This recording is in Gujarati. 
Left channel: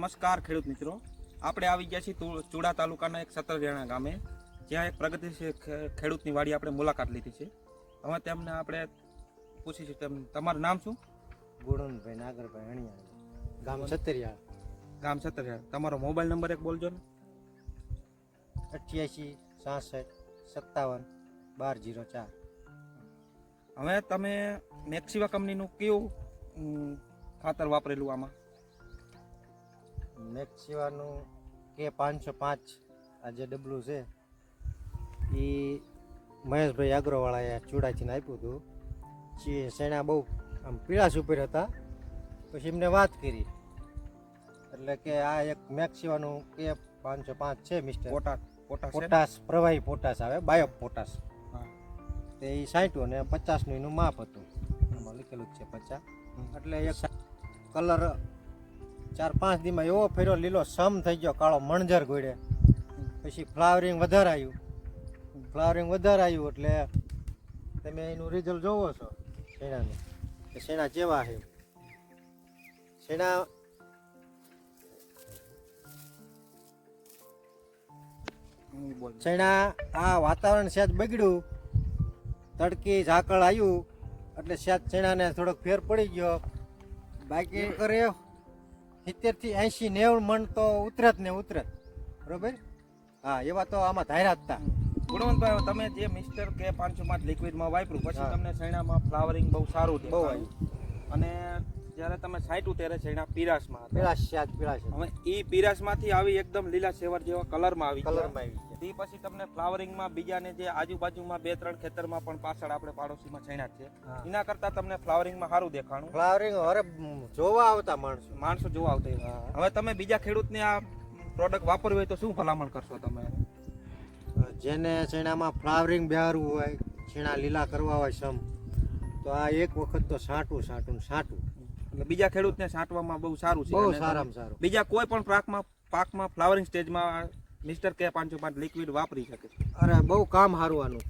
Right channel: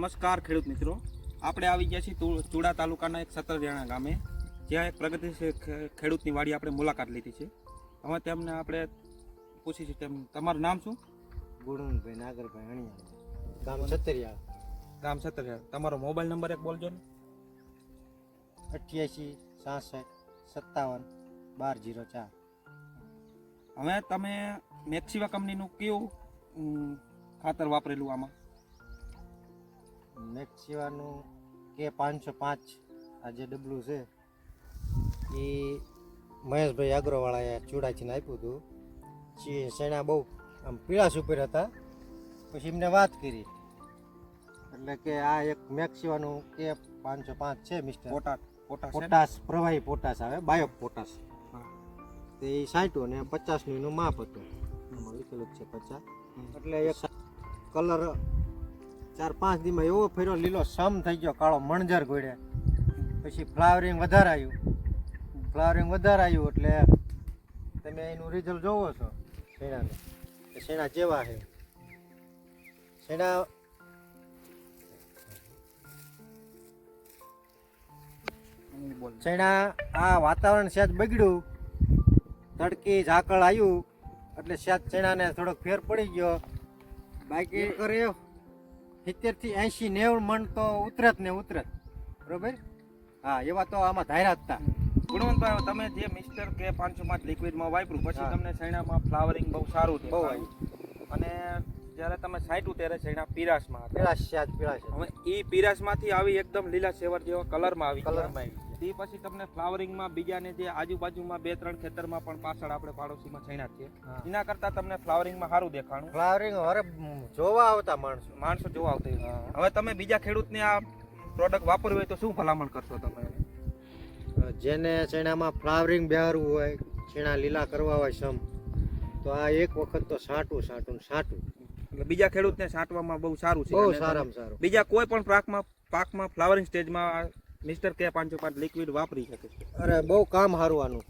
નમસ્કાર ખેડૂત મિત્રો. આપણે આવી ગયા છીએ ચુડા તાલુકાના એક સત્તરજણા ગામે. જ્યાં એક પ્રગતિશીલ ખેડૂતની વાડી આપણે મુલાકાત લીધી છે. હવે તેમને આપણે પૂછી છે તેમ તમારું નામ શું? ગુણનભાઈ નાગરભાઈ અણિયા ગામ સતરિયા ગામ સતરિયા તમારો મોબાઈલ નંબર એક બોલજો ને. અઠ્યાસી સાસઠ સત્તાવન બાર જીરો ચાર. હવે તમે મેક્સિવા કંપનીનું કયું ખાતર વાપરેલું આમાં? મેક્સિવાનું કે પાંચસો પાંચ આ જે ડબલું છે એ મહેશભાઈ આગ્રોવાળાએ ચૂડાચીને આપ્યું હતું. જે શેણા બહુ આમ પીળાશ ઉપર હતા. પછી એમને વાત કરી. એટલે કે આ એક મેક્સિવાનું કે પાંચસો પાંચ છે મિસ્ટર પોટાશ પોટાશ છે પ્રવાહી પોટાશ આવે બાયો પોટાશ. હા. તે એ સાઠું ને પચાસનું એનું માપ હતું. આમાં લખેલું જ છે પચાસ. એટલે એક કલર ચાર પાંચ દીમાં એવો ફેર્યો લીલો સમ થઈ ગયો, કાળો મણજર ગોળે પછી ફ્લાવરિંગ વધારે આવ્યું ફ્લાવરિંગ વધારે આવ્યું એટલે તમે એનું રિઝલ્ટ જોવો છો. શેણાનું? શેણા જેવા છે. શેણા શેણા આ વાતાવરણ સહેજ બગડ્યું. તડકી ઝાકળ આવ્યું એટલે સહેજ શેણાને થોડોક ફેર પડી ગયો. બાકી કરે. સિત્તેરથી એંશી નેવું મણ તો ઉતરત ને ઉતરત. બરોબર? હા એવા તો આમાં ધાર્યા હતા ગુણવંતભાઈ તમે જે મિસ્ટર કે પાંચસો માટ લિક્વિડમાં વાપર્યું પછી તમને શેણામાં ફ્લાવરિંગ બહુ સારું બહુ આવ્યું અને જ્યારે તમે સાઈટું ત્યારે શેણા પીરાશમાં હતા. જ પીળાશ હવે એ પીરાશમાંથી આવી એકદમ લીલા સેવર જેવા કલરમાં આવી કલરમાં આવી. તે પછી તમને ફ્લાવરિંગમાં બીજાને જે આજુબાજુમાં બે ત્રણ ખેતરમાં પણ પાછળ આપણે પાડોશીમાં છેણા છે એના કરતાં તમને ફ્લાવરિંગમાં સારું દેખાણું. ફ્લાવરિંગ હવે જોવા આવતા માણસો માણસો જોવા આવતા હવે તમે બીજા ખેડૂતને આ પ્રોડક્ટ વાપરવી હોય તો શું ભલામણ કરશો તમે? જેને છેણામાં ફ્લાવરિંગ બિહારવું હોય છેણા લીલા કરવા હોય સમ તો આ એક વખત તો સાટું સાટું ને સાટું. એટલે બીજા ખેડૂતને સાટવામાં બહુ સારું છે. બહુ સારામાં સારું. બીજા કોઈ પણ પાકમાં પાકમાં ફ્લાવરિંગ સ્ટેજમાં મિસ્ટર કે પાંચસો પાંચ લિક્વિડ વાપરી શકે અરે બહુ કામ હારવાનું.